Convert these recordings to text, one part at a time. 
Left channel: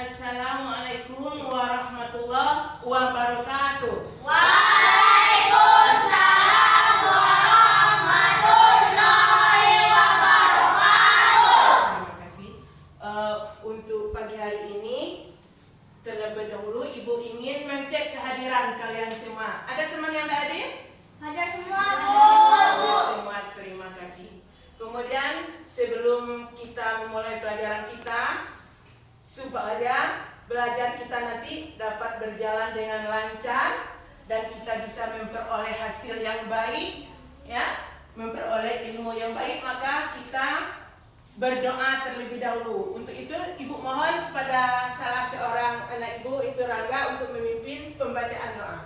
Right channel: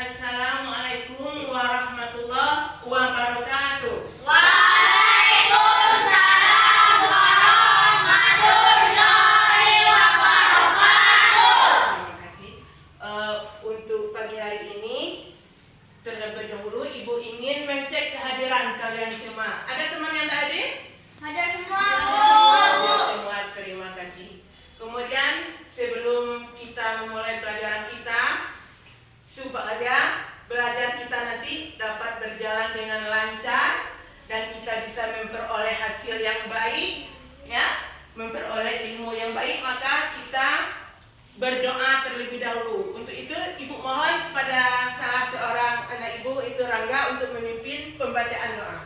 Assalamualaikum warahmatullahi wabarakatuh. Waalaikumsalam warahmatullahi wabarakatuh. Terima kasih. Untuk pagi hari ini, terlebih dahulu Ibu ingin mengecek kehadiran kalian semua. Ada teman yang tak hadir? Ada semua, Bu. Ada semua, terima kasih. Kemudian sebelum kita memulai pelajaran kita, supaya belajar kita nanti dapat berjalan dengan lancar dan kita bisa memperoleh hasil yang baik, ya, memperoleh ilmu yang baik, maka kita berdoa terlebih dahulu. Untuk itu Ibu mohon kepada salah seorang anak Ibu, itu Rangga, untuk memimpin pembacaan doa.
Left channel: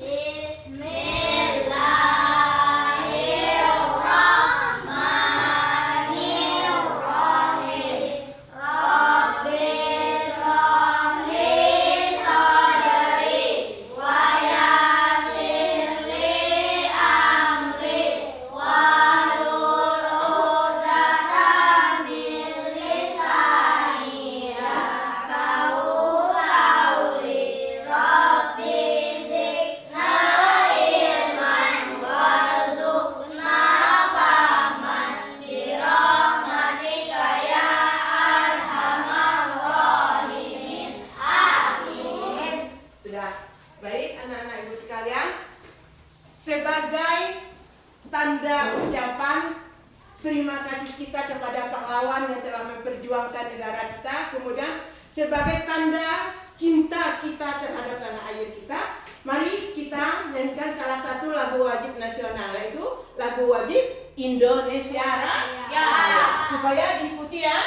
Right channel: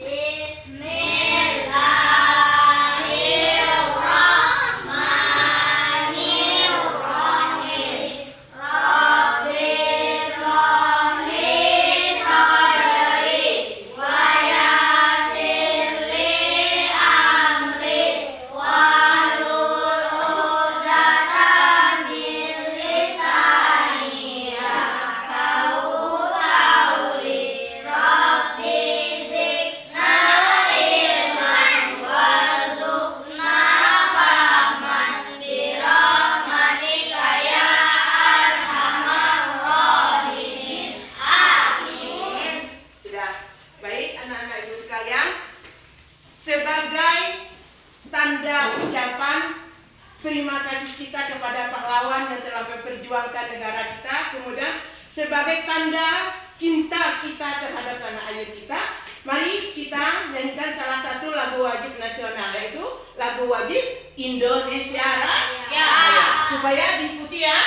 Bismillahirrahmanirrahim. Rabbi sholli sadri wa yassir li amri wahlul 'uqdatam min lisani yafqahu qawli. Rabbi zidna ilman warzuqna fahman birahmatika ya arhamar rahimin. Amin. Sudah baik anak-anak Ibu sekalian, sebagai tanda ucapan terima kasih kita kepada pahlawan yang telah memperjuangkan negara kita, kemudian sebagai tanda cinta kita terhadap tanah air kita, mari kita nyanyikan salah satu lagu wajib nasional, yaitu lagu wajib Indonesia Raya, supaya diikuti ya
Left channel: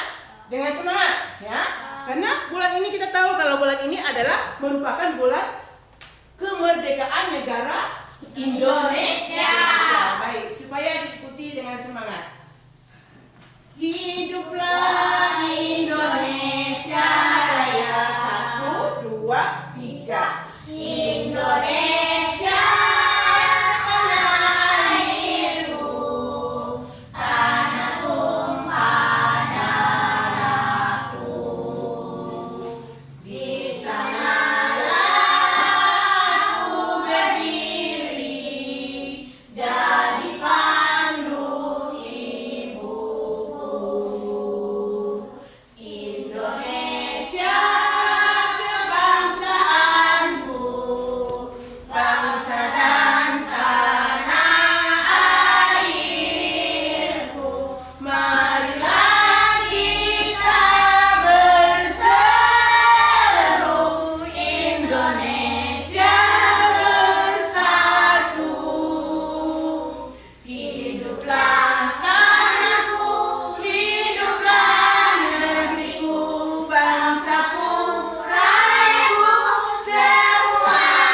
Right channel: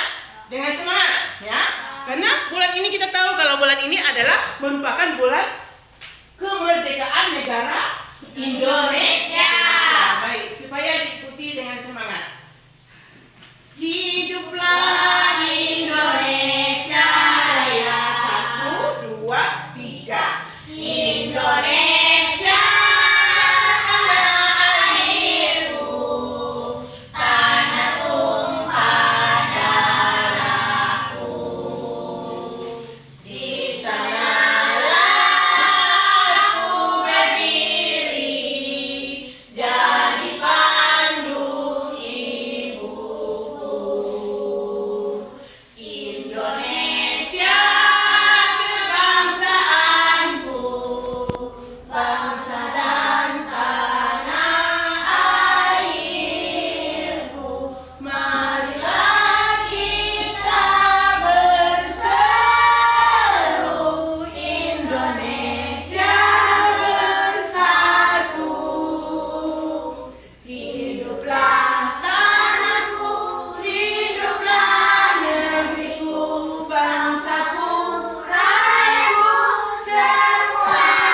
dengan semangat, ya. Karena bulan ini kita tahu kalau bulan ini adalah merupakan bulan kemerdekaan negara Indonesia. Baik, supaya diikuti dengan semangat. Hiduplah Indonesia Raya, 1, 2, 3. Indonesia tanah airku, tanah tumpah darahku. Di sanalah aku berdiri, jadi pandu ibuku. Indonesia kebangsaanku, bangsa dan tanah airku. Marilah kita berseru, Indonesia bersatu. Hiduplah tanahku, hiduplah negeriku, bangsaku, rakyatku semuanya.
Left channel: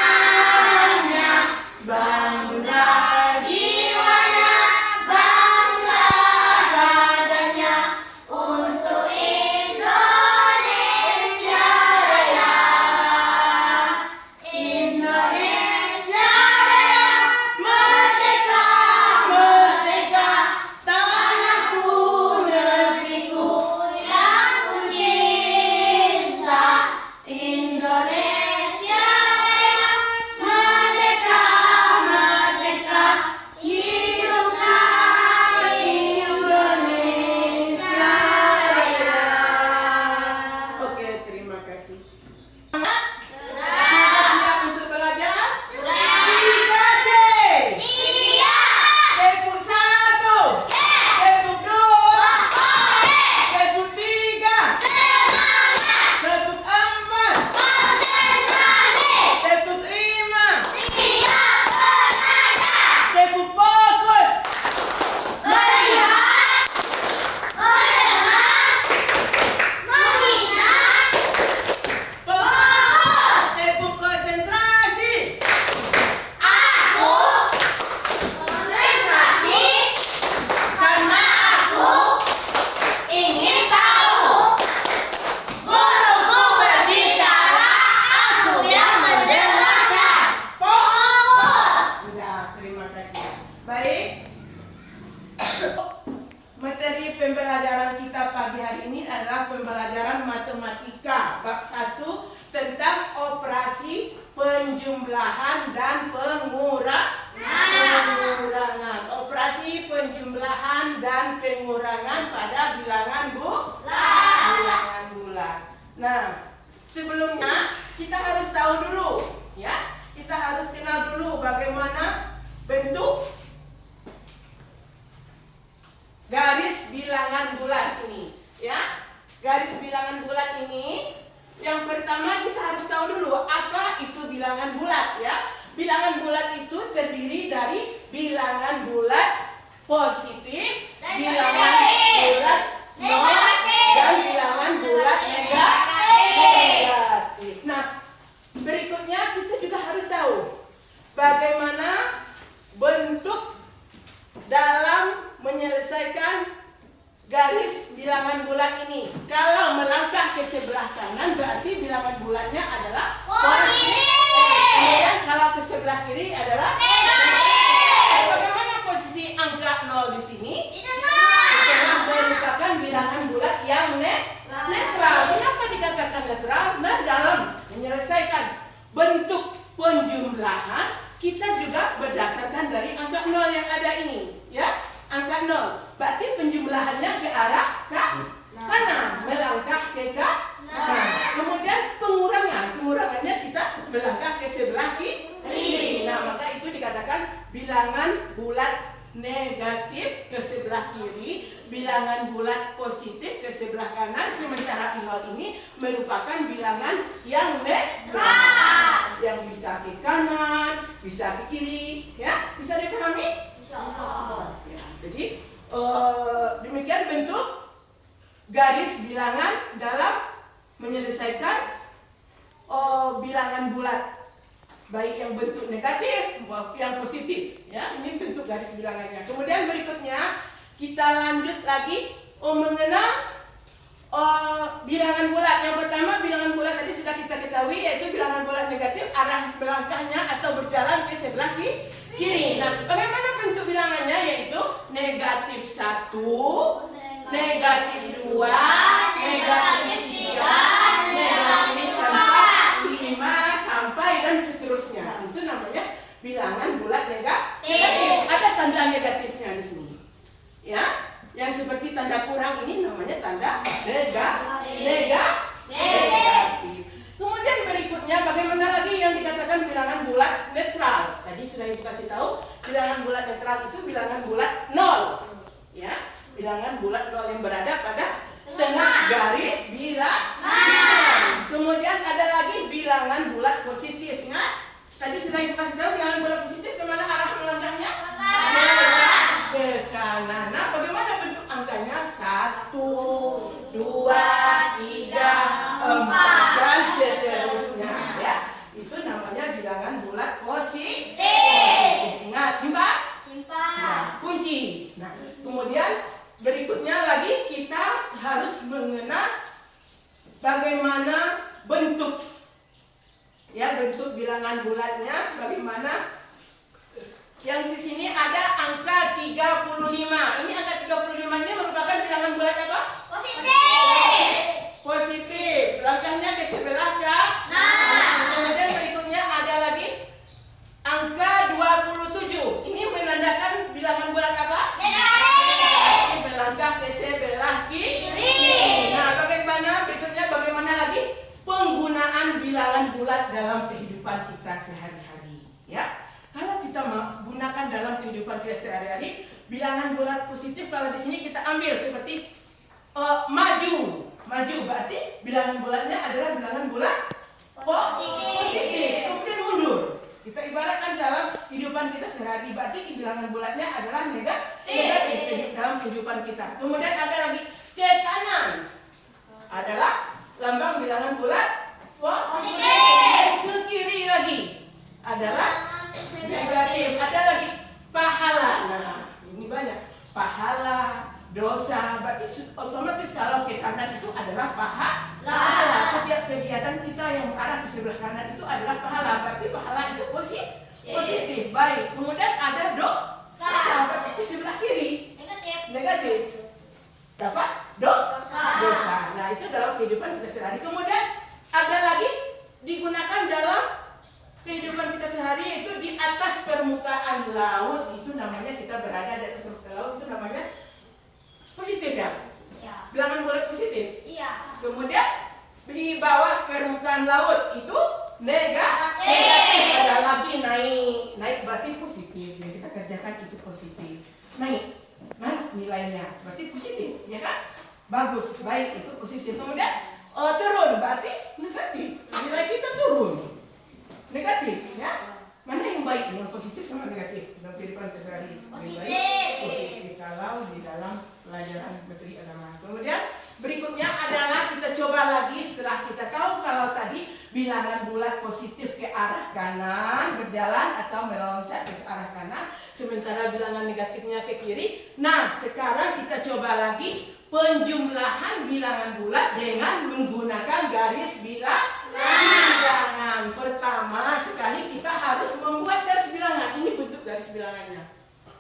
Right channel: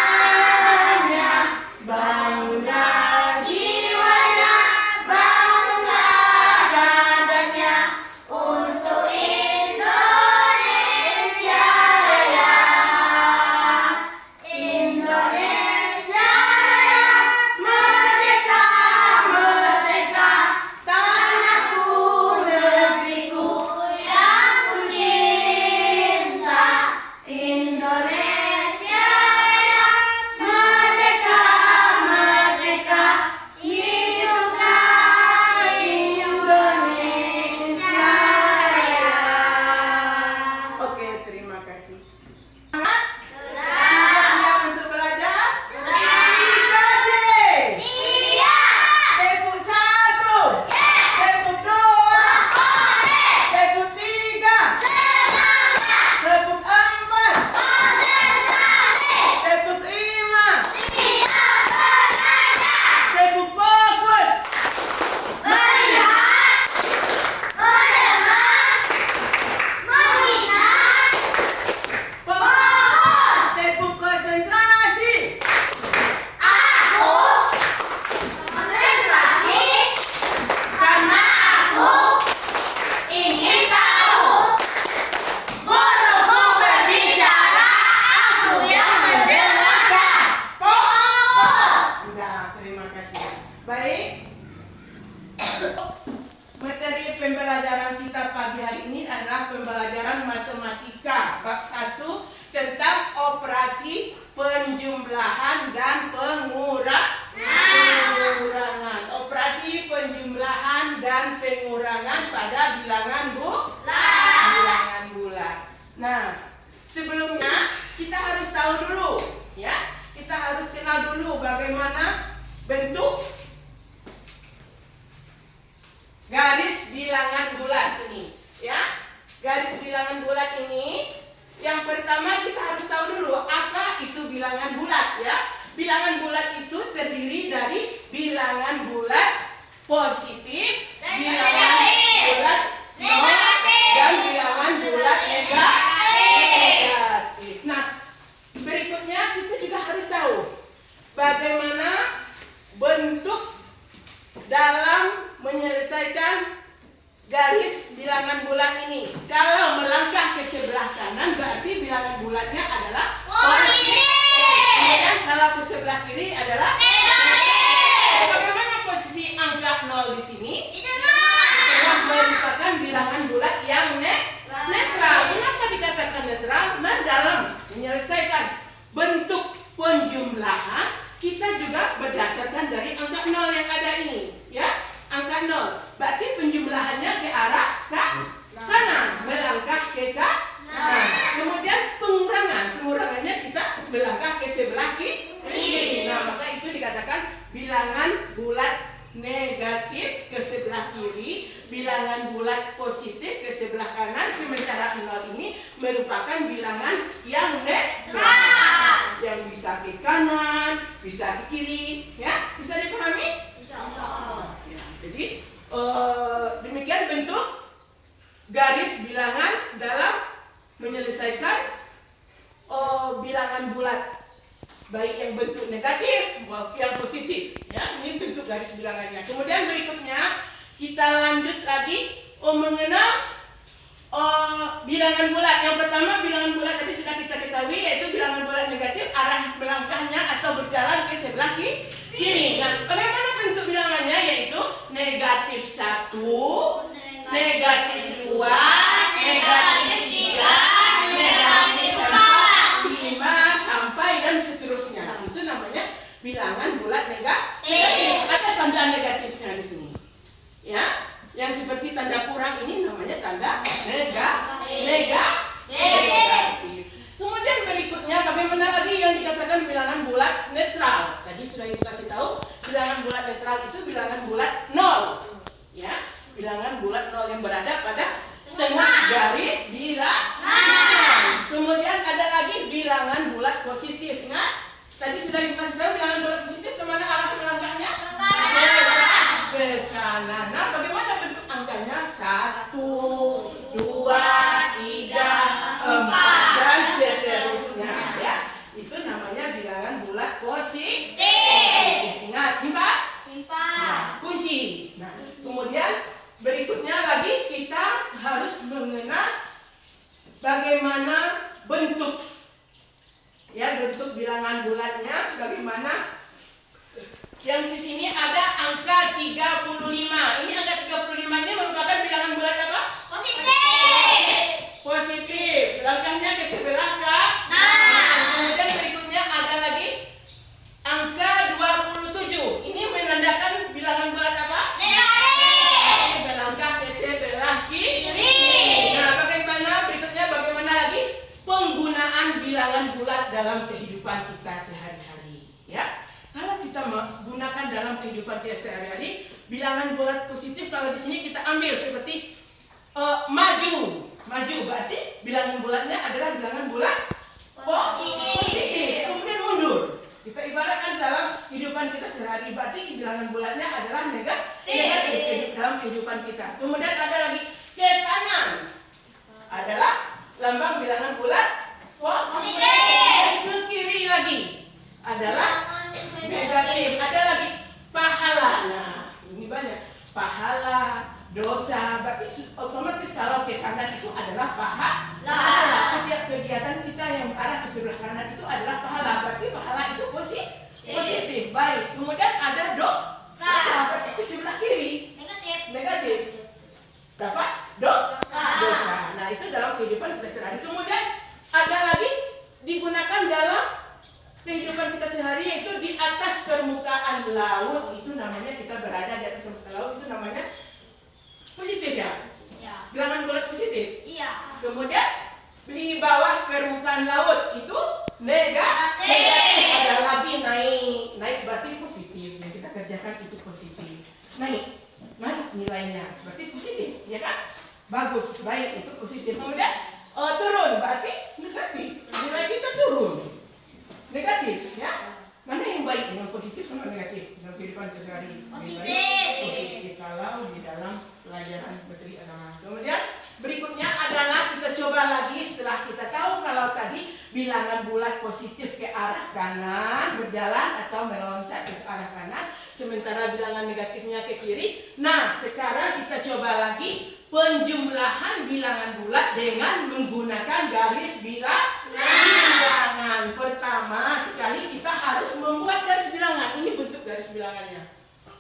Bangunlah jiwanya, bangunlah badannya, untuk Indonesia Raya. Indonesia Raya, merdeka, merdeka, tanahku, negeriku yang ku cinta. Indonesia Raya, merdeka, merdeka, hiduplah Indonesia Raya. Oke, terima kasih. Sudah siap untuk belajar? Sudah. Siap. Tepuk 1, tepuk 2, tepuk 3, tepuk 4, tepuk 5, tepuk fokus. Melihat, mendengar, mengingat, Fokus. Tepuk konsentrasi. aku konsentrasi karena aku ingin tahu. Guruku berbicara, aku yang mendengarkan. Fokus. Sudah, terima kasih. Baik. Materi pembelajaran kita pagi hari ini adalah pembelajaran matematika bab 1 tentang operasi penjumlahan dan pengurangan. Operasi penjumlahan dan pengurangan pada bilangan bulat. Nah, sebelumnya kita harus tahu dulu, ya. Kita harus kenal dulu bagaimana bentuk garis bilangan bulat ini, ya. Garis bilangan bulat ini, yang pertama kita harus tahu dulu apa itu bilangan bulat, ya. Bilangan bulat itu terdiri dari bilangan bulat positif, bilangan bulat nol, dan bilangan bulat negatif. Nah, berikutnya kita juga harus tahu bagaimana bentuk dalam menyelesaikan garis bilangan bulat ini. Kalau melangkah ke sebelah kanan berarti bilangan bulatnya adalah positif. Kemudian kalau ke sebelah kiri adalah negatif. Bagaimana posisi angka 0 di sini? Itulah merupakan bilangan bulat yang netral. Kenapa dikatakan netral? Nah, dalam menyelesaikan bentuk penjumlahan kita juga berdasarkan dari angka 0 yang ada ini, ya. Angka 0 berarti penjumlahannya ke arah kanan, melangkah ke kanan. Kemudian pengurangannya kita melangkah ke sebelah kiri. Nah, maka itu dikatakan bilangan bulat negatif ke sebelah kiri, bilangan bulat positif ke sebelah kanan, sementara 0 ini merupakan bilangan yang netral, yang bisa ke kanan, bisa ke kiri, ya. Bisa dipahami? Ya, jadi demikian bentuk garis bilangan dalam menyelesaikan bilangan bulat, baik yang bentuk negatif maupun yang positif, ya. Ini bentuk garis bilangannya. Kemudian berikutnya kita lanjut lagi mengenal bilangan bulat. Yang pertama bilangan bulat tadi sudah kita ketahui, yaitu bilangan bulat negatif, arah melangkahnya atau berjalan ke sebelah kiri. Nah, bagaimana bentuk bilangannya? Yaitu negatif 1, negatif 2, negatif 3, negatif 4, 5, sampai dan seterusnya. Itu namanya bilangan bulat negatif. Ada tanda negatifnya di sini, ya. Yang seperti tanda kurang ini namanya tanda negatif. Kemudian berikutnya bagaimana lagi yang dikatakan bilangan bulat netral? Tadi sudah dikasih tahu, bilangan bulat netral itu bilangan bulat 0, ya. Bilangan bulat 0 yang berada pada tengah garis bilangan. Kemudian ada lagi bilangan bulat positif. Nah, tadi sudah dikasih tahu bilangan bulat positif kemana arah melangkahnya? Ke kanan. Nah, bagaimana bentuk angkanya? 1, 2, 3, 4, dan seterusnya, ya. Itu namanya bilangan bulat positif. Ingat, simpan. Nah, kunci. Nah, kemudian berikutnya lagi kita harus mengenal bagaimana bentuk, ya, bentuk bilangan bulatnya bagaimana. Yang di sini ada angka 35. Ini angka 35 ini merupakan bilangan bulat apa? Positif. Langkahnya ke sebelah kanan. Kemudian berikutnya ada lagi angka 27. Ini menandakan bilangan bulat apa? Negatif. Melangkah ke sebelah kiri. Nah, berikutnya bagaimana lagi penggunaan bilangan bulat dalam kehidupan kita sehari-hari, ya. Kalau kita menggunakan dalam kehidupan kita sehari-hari, bilangan bulat positif kalau di sini kita ambil seperti maju berarti bilangan bulatnya adalah bilangan bulat positif. Kemudian mundur, kita ibaratkan dalam kehidupan kita sehari-hari berarti bilangan bulatnya adalah negatif dalam kehidupan kita. Kemudian ada lagi ke kanan adalah lambang bilangan bulat positif. Ke kiri lagi adalah negatif. Ada lagi pahala. Nah, ini banyak. Pahala, dosa, berarti otomatis kalau ke kanan itu adalah pahala. Setiap kegiatan kita yang arah ke sebelah kanan itu adalah pahala. Berarti pahala itu positif. Baik. Kemudian ada dosa, berarti ke sebelah kiri negatif. nilainya, berarti positif, ya kan? Bagus, baik, itu positif. Kemudian turun, berarti negatif. Nilai kita turun, negatif, ya. Mana yang baik, yang positif sama negatif dalam kehidupan sehari-hari? Positif kalau di dalam pelajaran materi agama. Kemudian berikutnya adalah kita coba lagi setelah kita tahu kalau tadi bilangan bulat positif ke arah kanan berjalan atau meloncat ke arah kanan, sementara bilangan negatifnya ke kiri. Nah, sekarang kita coba lagi penjumlahan bilangan bulat dengan menggunakan garis bilangan. Pertama sekali kita harus membuat garis bilangan. Ini bentuk garis bilangannya.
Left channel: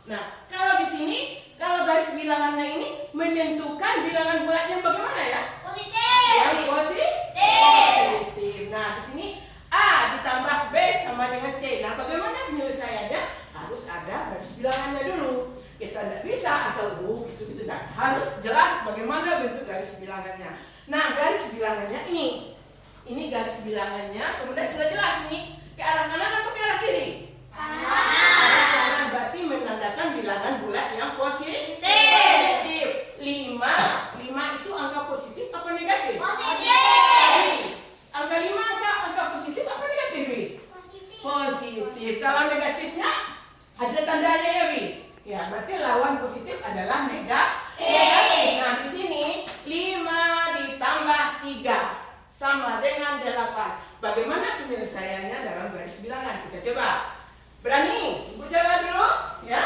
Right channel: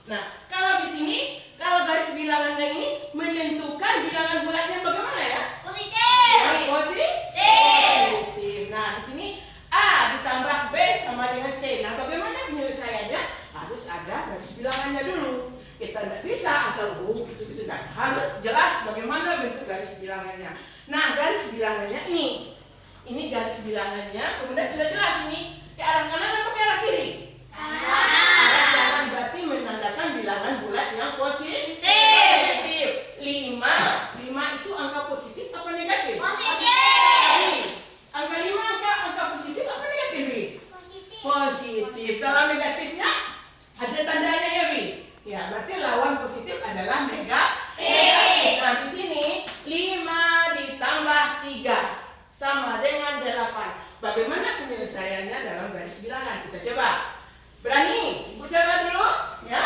Nah, kalau di sini, kalau garis bilangannya ini menentukan bilangan bulatnya bagaimana ya? Positif. Yang positif. Nah, di sini A ditambah B sama dengan C. Nah, bagaimana penyelesaiannya? Harus ada garis bilangannya dulu. Kita tidak bisa asal gitu-gitu. Nah, harus jelas bagaimana bentuk garis bilangannya. Nah, garis bilangannya ini. Ini garis bilangannya, kemudian sudah jelas ini ke arah kanan atau ke arah kiri? Arah kanan berarti menandakan bilangan bulat yang positif. 5 itu angka positif apa negatif? Positif. Angka 5 angka positif apa negatif, Bi? Positif. Kalau negatifnya ada tandanya ya, Bi? Ya, berarti lawan positif adalah negatif. Nah, di sini 5 ditambah 3 sama dengan 8. Bagaimana penyelesaiannya dalam garis bilangan? Kita coba. Berani? Ibu coba dulu, ya?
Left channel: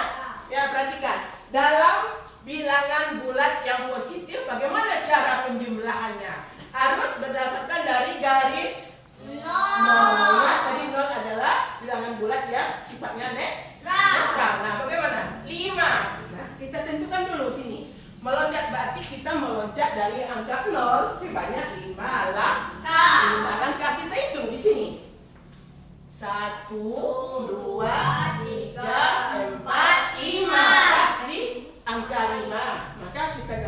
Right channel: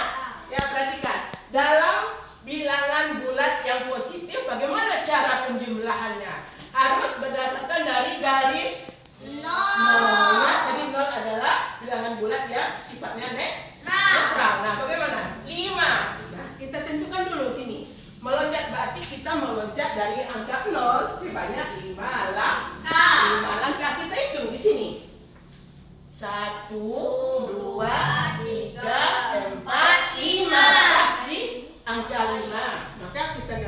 Ya, perhatikan. Dalam bilangan bulat yang positif, bagaimana cara penjumlahannya? Harus berdasarkan dari garis nol. Ya, tadi 0 adalah bilangan bulat yang sifatnya netral. Nah, bagaimana? 5. Nah, kita tentukan dulu sini. Meloncat berarti kita meloncat dari angka 0 sebanyak 5 langkah. Kita hitung di sini. 1, 2, 3, 4, 5. Pas di angka 5. Maka kita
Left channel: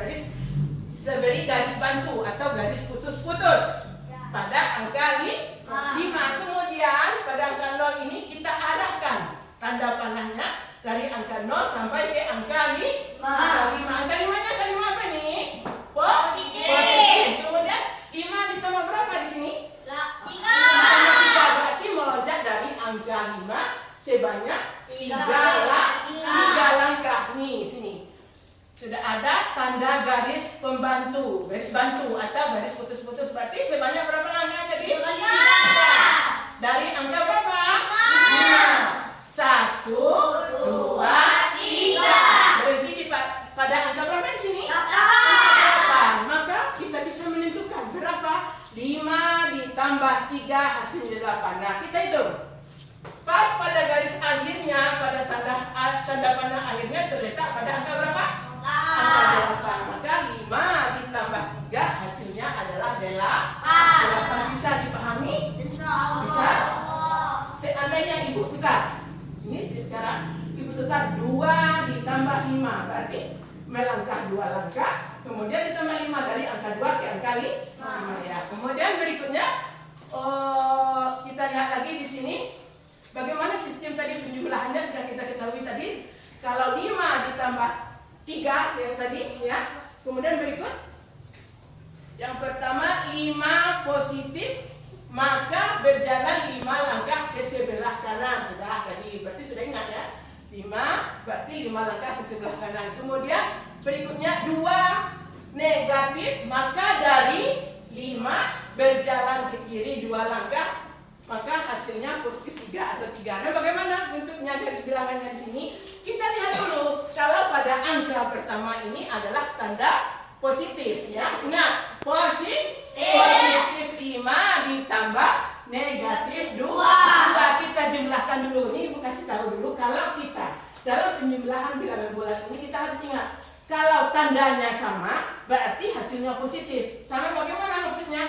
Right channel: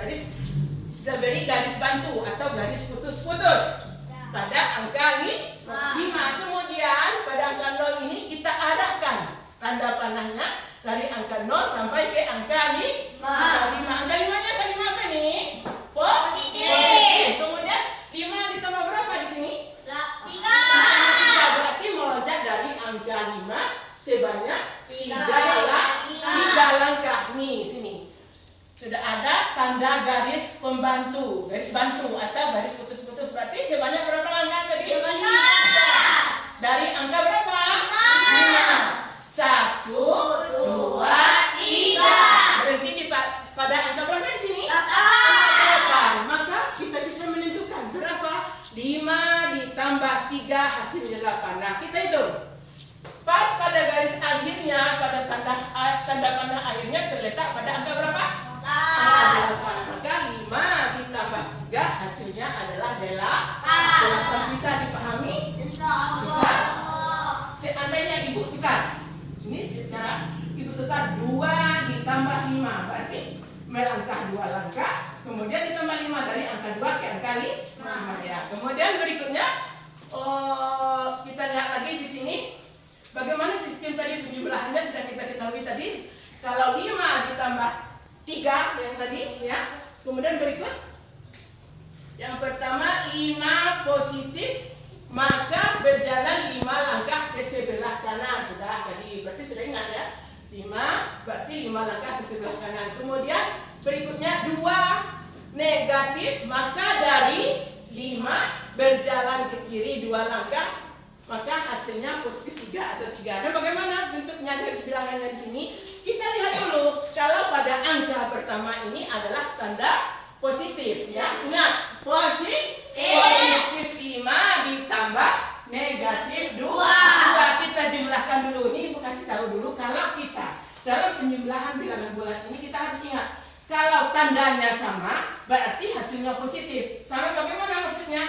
beri garis bantu atau garis putus-putus pada angka 5. Kemudian pada angka 0 ini kita arahkan tanda panahnya dari angka 0 sampai ke angka 5. Angka 5-nya angka 5 apa nih? Positif. Kemudian 5 ditambah berapa di sini? 3. Berarti meloncat dari angka 5 sebanyak 3 langkah. Nih, sini. Sudah ada tanda garis pembantu, garis bantu atau garis putus-putus. Berarti sebanyak berapa langkah tadi? Dari angka berapa? 5. 1, 2, 3. Berhenti pada angka berapa di sini? 8. Maka kita bisa menentukan berapa? 5 ditambah 3 hasilnya 8. Nah, kita hitung. Pas pada garis akhirnya, pada tanda panah akhirnya terletak pada angka berapa? Angka 8. Maka 5 ditambah 3 hasilnya adalah 8. Bisa dipahami? Bisa. Seandainya ibu tukar. Ini secara ibu tukar 2 ditambah 5. Berarti melangkah 2 langkah. Kemudian ditambah 5 dari angka 2 ke angka 5 ya. Kemudian berikutnya kita lihat lagi di sini. Bagaimana sistem tadi penjumlahannya sudah kita ketahui tadi. Kalau 5 ditambah 3 yang tadi ya. Kemudian berikut. Yang pertama 5 positif, maka berjalan 5 langkah ke sebelah kanan. Sudah tadi, berarti sudah ingat ya. 5 berarti 5 langkah ke sebelah kanan. Kemudian berikutnya 2 negatif, maka dari 5 berjalan ke kiri 2 langkah, maka hasilnya positif 3 atau 3. Nah, bagaimana bentuknya garis bilangannya di sini? Kita lihat dulu. Kalau pada angka pertama ini adalah tanda positif ya. Nah, positif 5 ditambah negatif 2. Kita jumlahkan dulu. Ini Ibu kasih tahu dulu kalau kita dalam penjumlahan bilangan bulat ini kita harus ingat kalau tandanya sama berarti hasilnya positif. Sama bagaimana maksudnya?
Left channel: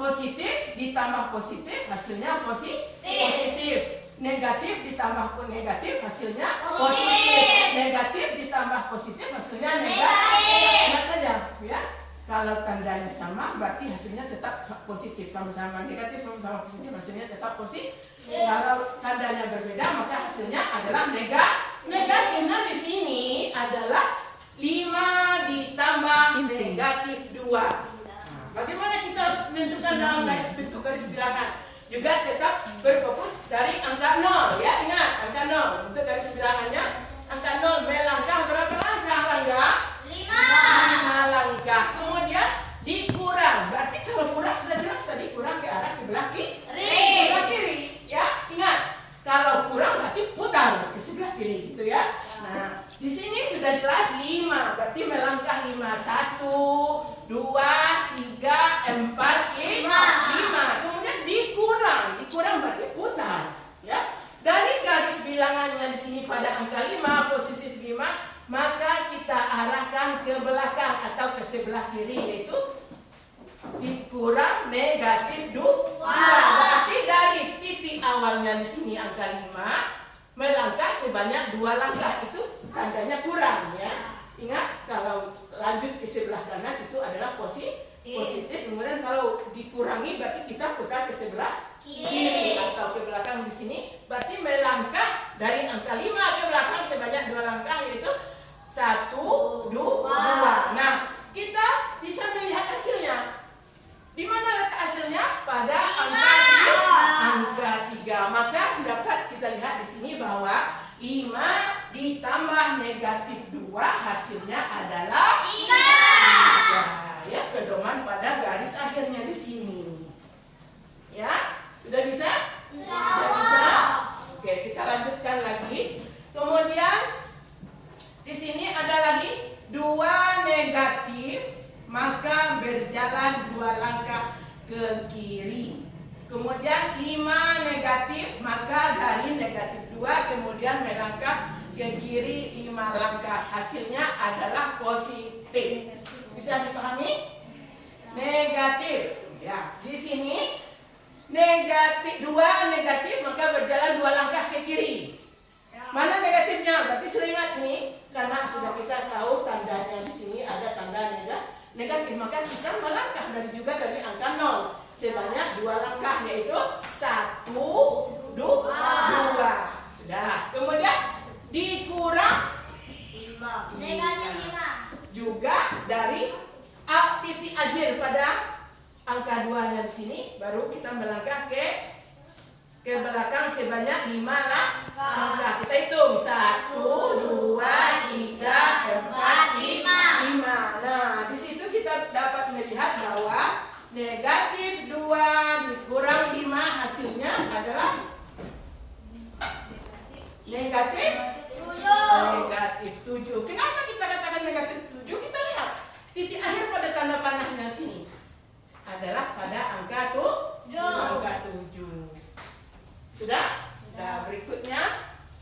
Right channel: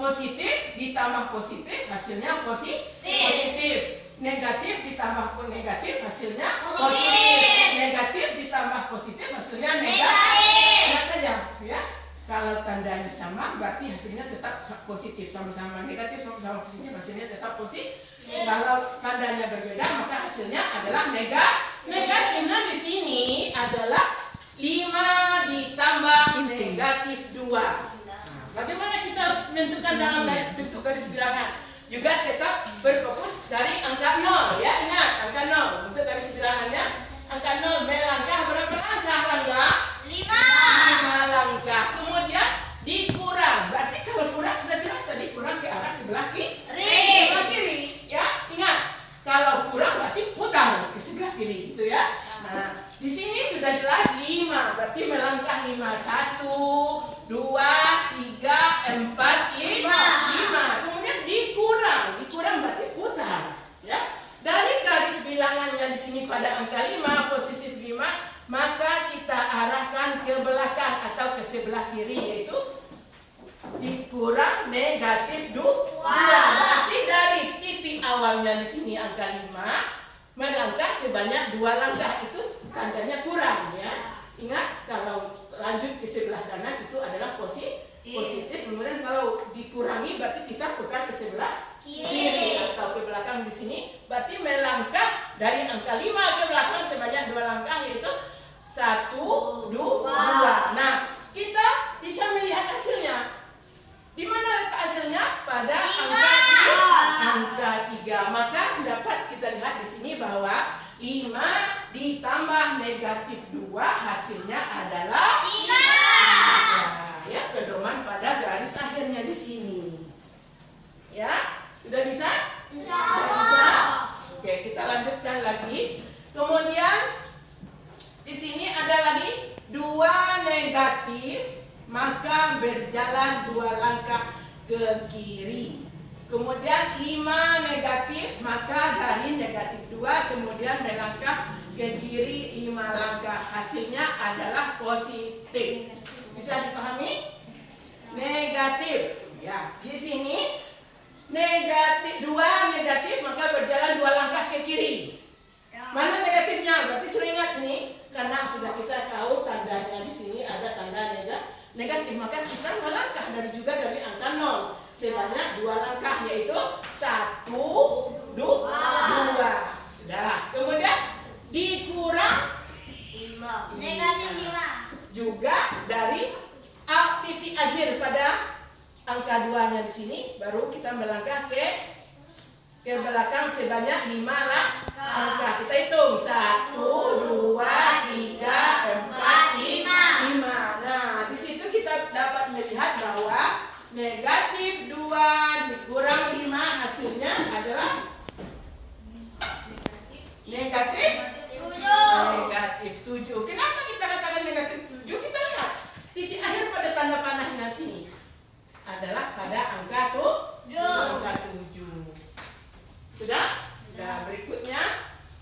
Positif ditambah positif hasilnya positif. Negatif ditambah negatif hasilnya positif. Negatif ditambah positif hasilnya negatif. Lihat saja ya. Kalau tandanya sama berarti hasilnya tetap positif. Sama-sama negatif sama-sama positif hasilnya tetap positif. Kalau tandanya berbeda maka hasilnya adalah negatif. Nah, di sini ada adalah 5 ditambah negatif 2. Nah, bagaimana kita harus menentukan dalam bentuk garis bilangan? Juga tetap berfokus dari angka 0 ya. Ingat, angka 0. Untuk garis bilangannya, angka 0 melangkah berapa langkah? 5 langkah. Kemudian dikurang. Berarti kalau kurang sudah jelas tadi kurang ke arah sebelah kiri. Ya, ingat. Kalau kurang berarti putar ke sebelah kiri gitu ya. Nah, di sini sudah jelas 5. Berarti melangkah 5. 1, 2, 3, 4, 5. Kemudian dikurang berarti putar ya. Dari garis bilangannya di sini pada angka 5 positif 5, maka kita arahkan ke belakang atau ke sebelah kiri, yaitu dikurang negatif 2. Berarti dari titik awalnya di sini angka 5 melangkah sebanyak 2 langkah, itu tandanya kurang ya. Ingat, kalau lanjut ke sebelah kanan itu adalah positif. Kemudian kalau dikurangi berarti kita putar ke sebelah kiri atau ke belakang di sini. Berarti melangkah dari angka 5 ke belakang sebanyak 2 langkah, yaitu 1, 2. Nah, kita bisa melihat hasilnya. Di mana letak hasilnya? Pada angka 3. Maka dapat kita lihat di sini bahwa 5 ditambah negatif 2 hasilnya adalah 3. Ya, pedoman pada garis akhirnya di sini. Ya, sudah bisa? Sudah bisa. Oke, kita lanjutkan lagi. Kemudian di sini ada lagi 2 negatif, maka berjalan 2 langkah ke kiri. Kemudian 5 negatif, maka dari negatif 2 kemudian melangkah ke kiri 5 langkah. Hasilnya adalah positif. Bisa dipahami? Negatif. Ya, di sini negatif 2 negatif, maka berjalan 2 langkah ke kiri. Mana negatifnya? Berarti sudah ingat sini, karena sudah kita tahu tandanya di sini ada tanda negatif, maka kita melangkah dari angka 0 sebanyak 2 langkah, yaitu 1, 2. Sudah. Kemudian dikurang 5 Negatif 5. juga dari titik akhir pada angka 2-nya di sini, baru kita melangkah ke belakang sebanyak 5 langkah. Kita hitung 1, 2, 3, 4, 5. Nah, di situ kita dapat melihat bahwa negatif 2 dikurang 5 hasilnya adalah negatif 7. Kenapa kita katakan negatif 7? Kita lihat titik akhir pada tanda panahnya sini adalah pada angka 7. Sudah? Nah, berikutnya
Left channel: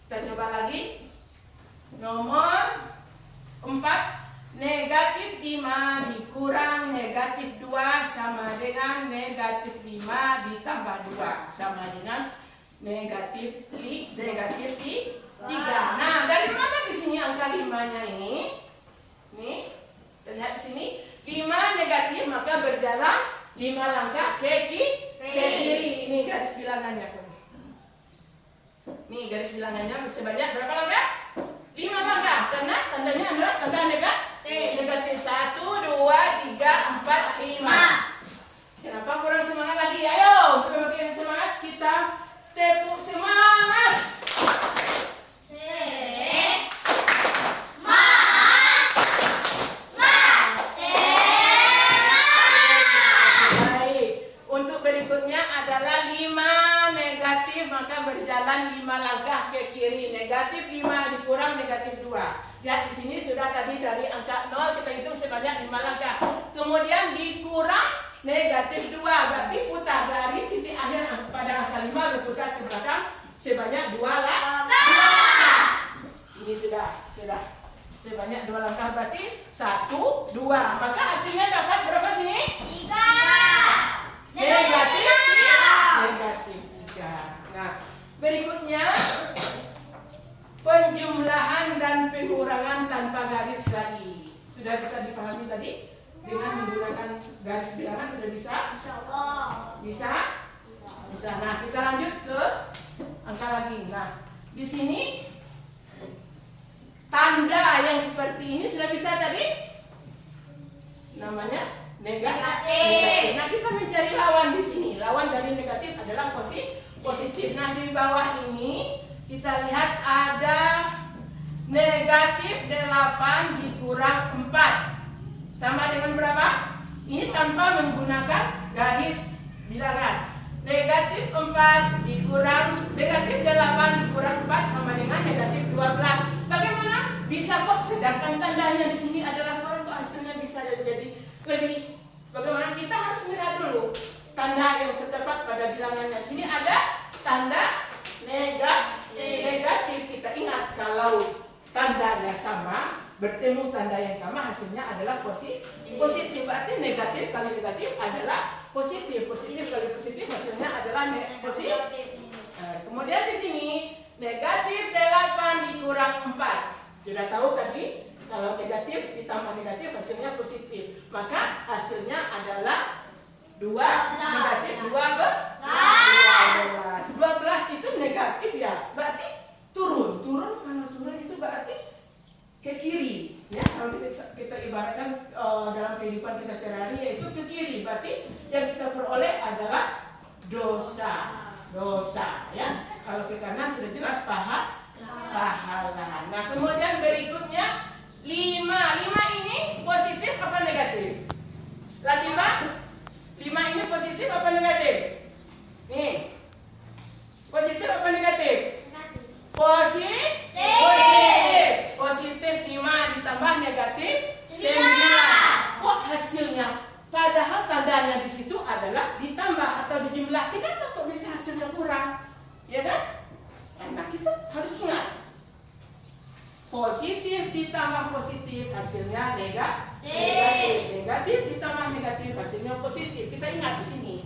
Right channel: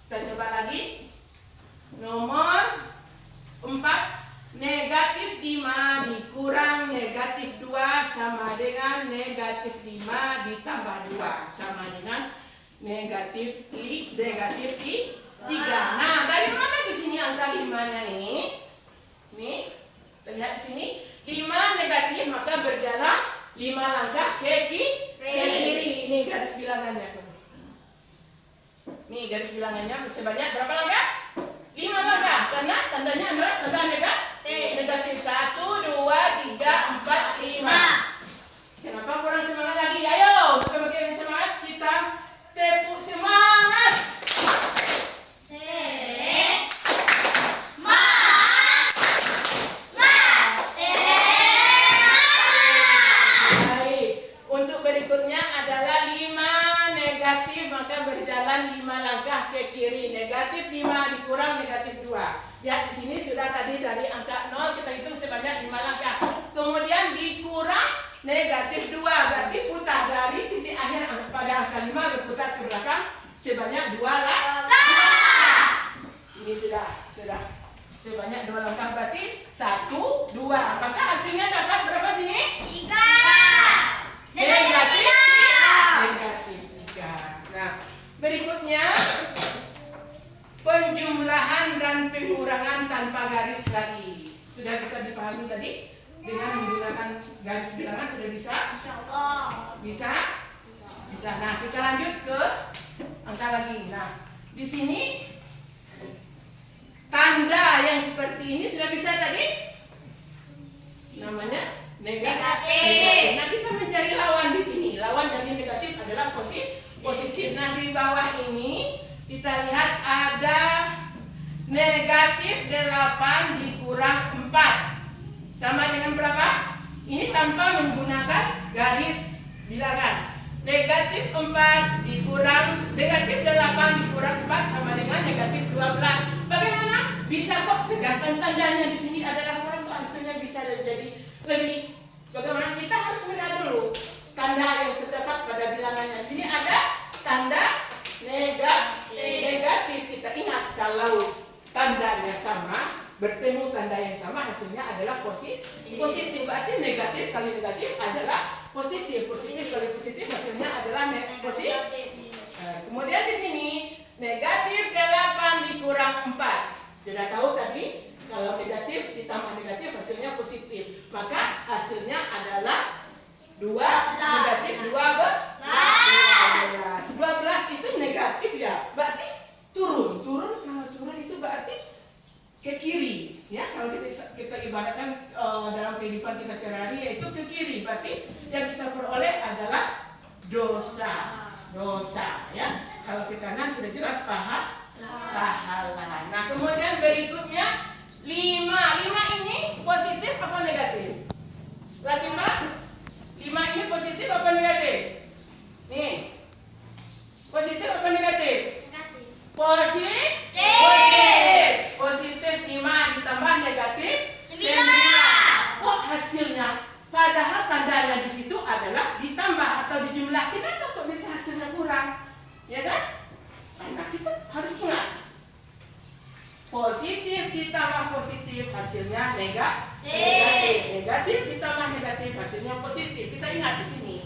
kita coba lagi. Nomor 4. Negatif 5 dikurang negatif 2 sama dengan negatif 5 ditambah 2 sama dengan negatif 3. Nah, dari mana di sini angka 5-nya ini? Nih, terlihat di sini 5 negatif, maka berjalan 5 langkah ke kiri. Ini garis bilangannya. Nih garis bilangannya sebanyak berapa langkah? 5 langkah, karena tandanya adalah tanda negatif 1, 2, 3, 4, 5. Kenapa kurang semangat lagi? Ayo, bagi semangat, kita tepuk semangat. Baik, untuk berikutnya adalah 5 negatif, maka berjalan 5 langkah ke kiri. Negatif 5 dikurang negatif 2. Ya, di sini sudah tadi dari angka 0 kita hitung sebanyak 5 langkah. Kemudian dikurang negatif 2, berarti putar dari titik akhir pada angka 5 berputar ke belakang sebanyak 2 langkah. Ini sudah sebanyak 2 langkah, berarti 1, 2. Maka hasilnya dapat berapa sini? 3. Negatif 3. Nah, berikutnya penjumlahan dan pengurangan tanpa garis lagi. Sudah bisa dipahami tadi? Dengan menggunakan garis bilangan sudah bisa? Insyaallah. Bisa? Nah, kita lanjut ke angka lagi. Nah, di sini tanda yang seperti ini sudah bisa tadi namanya negatif. Nah, kita mencari lawan di sini. Lawan dari negatif adalah positif. Nah, di bawah ini kita lihat ada negatif 8 dikurang 4 sama dengan berapa? Ini tanpa menggunakan garis bilangan. Negatif 8 dikurang 4 sama dengan negatif 12. Bagaimana? Bisa kok, sedangkan tandanya di sini adalah kurang, kok hasilnya bisa jadi lebih. Bagaimana? Kita harus melihat dulu tanda yang terdapat pada bilangannya. Di sini ada tanda negatif. Kita ingat kalau tandanya sama, bertemu tanda yang sama, hasilnya adalah positif. Berarti negatif kali negatif adalah positif. Positif kali positif hasilnya adalah positif. Kemudian di sini negatif 8 dikurang 4. Sudah tahu tadi kalau negatif ditambah negatif hasilnya positif. Maka hasilnya adalah 2 negatif 12. 12 itu negatif ya. Berarti turun. Kalau turun itu berarti ke kiri. Ya, kalau kita ibaratkan dalam kehidupan kita sehari-hari yaitu ke kiri. Berarti yang kita peroleh adalah dosa. Ya. Kalau ke kanan sudah jelas pahala. Nah, kemudian berikutnya 5 ini positif apa negatif? Lagi Pak? 5 ini positif apa negatif? Nih. Positif apa negatif? Positif 5 ditambah negatif 9. Kok hasilnya? Padahal tandanya di situ adalah ditambah atau dijumlah. Kenapa kok bisa hasilnya kurang? Ya kan? Karena kita harus ingat. Positif ditambah positif hasilnya negatif. Negatif ditambah negatif hasilnya positif. Kita ingat di sini.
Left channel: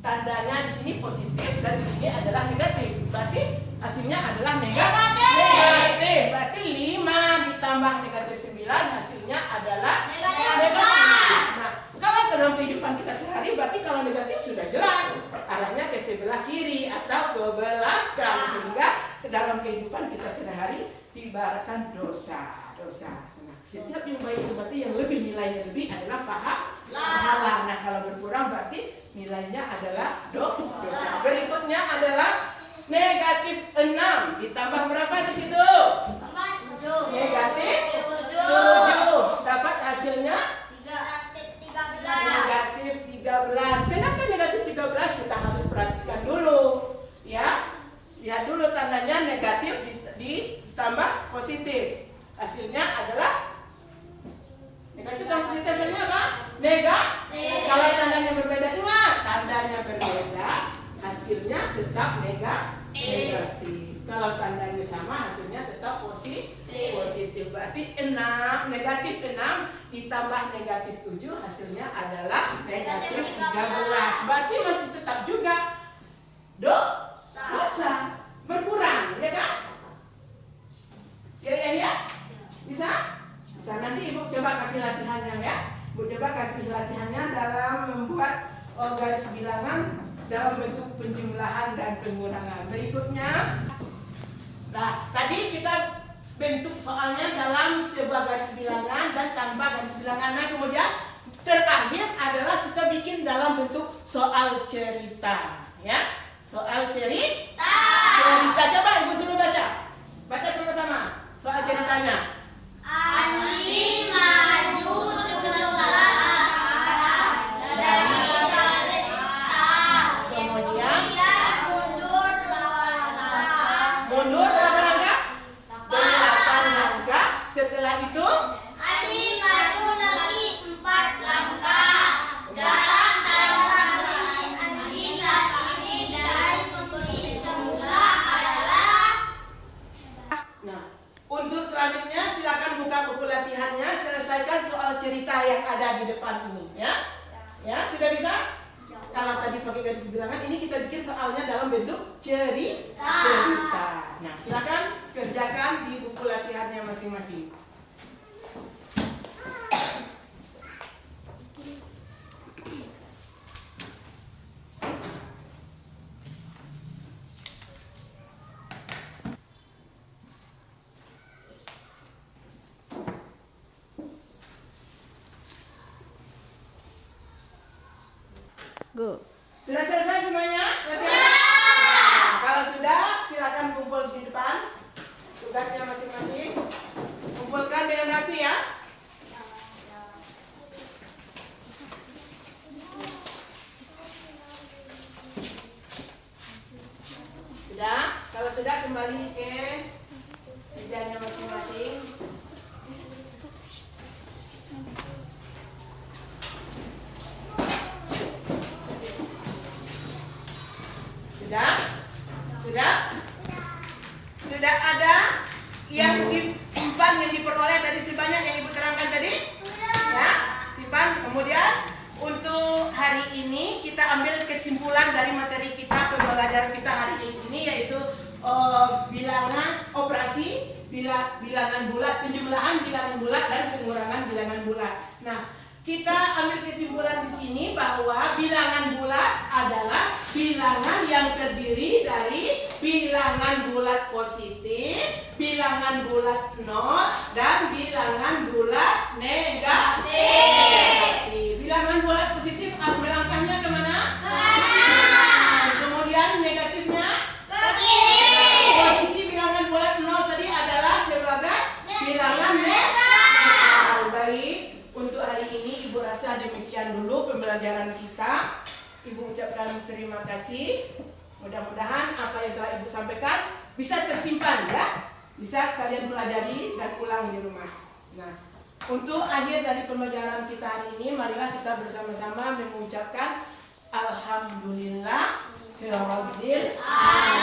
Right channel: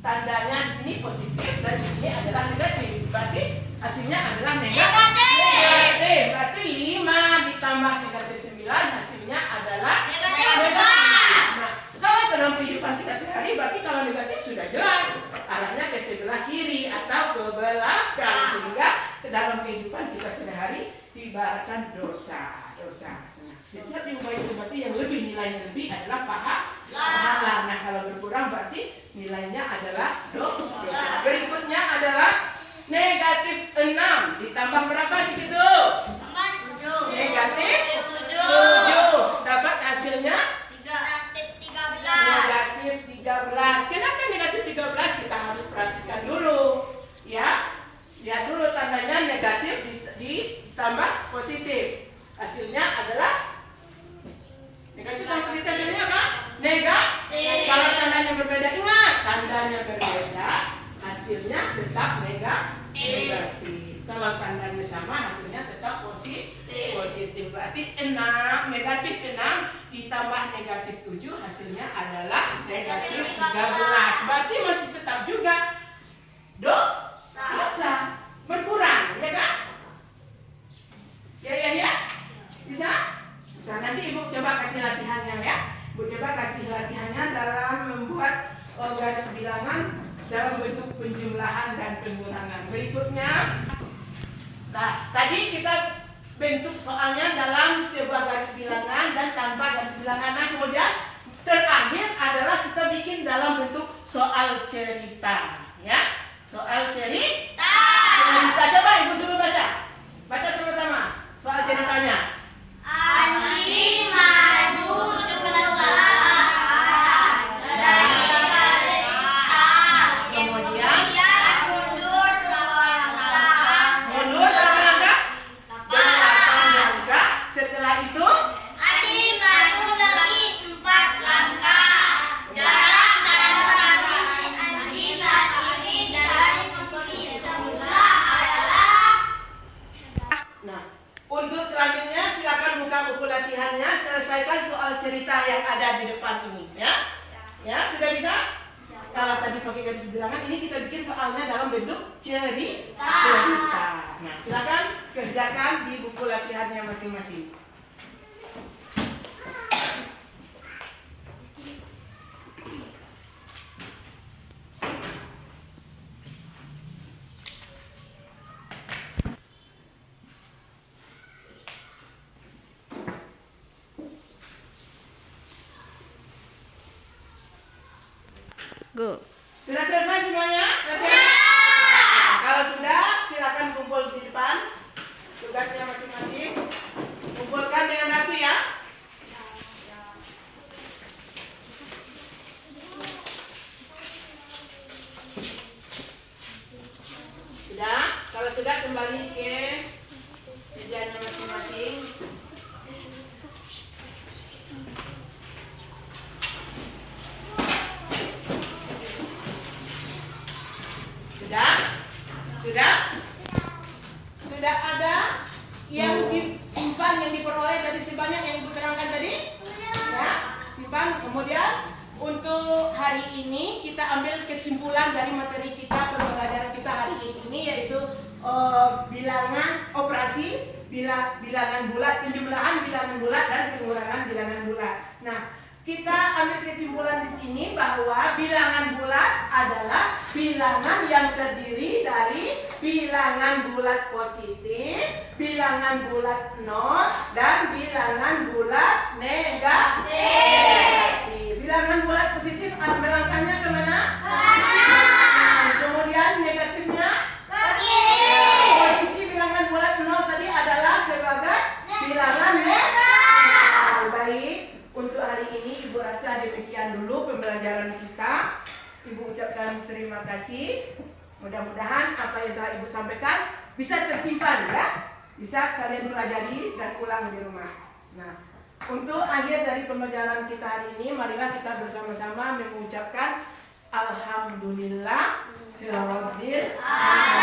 Tandanya di sini positif dan di sini adalah negatif. Berarti hasilnya adalah negatif. Berarti 5 ditambah negatif 9 hasilnya adalah negatif. Nah, kalau dalam kehidupan kita sehari berarti kalau negatif sudah jelas arahnya ke sebelah kiri atau ke belakang, sehingga dalam kehidupan kita sehari diibaratkan dosa. Nah, setiap diubah itu berarti yang lebih nilainya lebih adalah pahala. Nah, kalau berkurang berarti nilainya adalah dosa. Berikutnya adalah negatif 6 ditambah berapa di situ? Negatif 7. Dapat hasilnya negatif 13. Kenapa negatif 13? Kita harus perhatikan dulu. Ya. Lihat dulu tandanya negatif ditambah positif. Hasilnya adalah negatif dan positif, hasilnya apa? Negatif. Kalau tandanya berbeda, ingat tandanya berbeda, hasilnya tetap negatif. Kalau tandanya sama, hasilnya tetap positif. Berarti negatif 6 ditambah negatif 7 hasilnya adalah negatif 13. Berarti masih tetap juga dosa. Berkurang, ya kan? Ya. Bisa? Nanti Ibu coba kasih latihannya ya. Ibu coba kasih latihannya dalam membuat garis bilangan dalam bentuk penjumlahan dan pengurangan. Berikutnya, nah tadi kita bentuk soalnya dalam sebuah garis bilangan dan tanpa garis bilangan. Nah, kemudian terakhir adalah kita bikin dalam bentuk soal cerita, ya. Soal cerita. Coba Ibu suruh baca. Baca sama-sama. Soal ceritanya. Andi maju dari garis hitam. Kemudian mundur 8 langkah. mundur berapa langkah? 8 langkah. Setelah itu Andi maju lagi 4 langkah. Jarak antara posisi Andi saat ini dari posisi semula adalah. nah, untuk selanjutnya silakan buka buku latihannya, selesaikan soal cerita yang ada di depan ini, ya. Ya, sudah bisa? Kalau tadi pakai garis bilangan, ini kita bikin soalnya dalam bentuk cerita. Nah, silakan kerjakan di buku latihannya masing-masing. Go. Sudah selesai semuanya? Nah, kalau sudah, silakan kumpul di depan. Tugasnya masing-masing. Kumpulkan dengan rapi ya. Sudah? Kalau sudah, kembali ke kerjanya masing-masing. Sudah? Sudah? Sudah ada yang disimpan, yang diperoleh dari sebanyak yang Ibu terangkan tadi? Ya, simpan. Kemudian untuk hari ini kita ambil kesimpulan dari materi kita, pembelajaran kita hari ini, yaitu bilangan operasi, bilangan bulat, penjumlahan bilangan bulat dan pengurangan bilangan bulat. Nah, kita ambil kesimpulan di sini bahwa bilangan bulat adalah bilangan yang terdiri dari bilangan bulat positif, bilangan bulat 0, dan bilangan bulat negatif. Bilangan bulat positif melangkahnya kemana? Kemudian negatifnya? Posisi bilangan bulat 0 tadi adalah sebagai bilangan negatif. Baik. Untuk hari ini Ibu rasa demikian dulu pembelajaran kita. Ibu ucapkan terima kasih. Mudah-mudahan apa yang telah Ibu sampaikan bisa tersimpan ya. Bisa kalian pelajari dan ulang di rumah. Nah, untuk akhir dari pembelajaran kita hari ini, marilah kita bersama-sama mengucapkan Alhamdulillah ya Rabbil Alamin.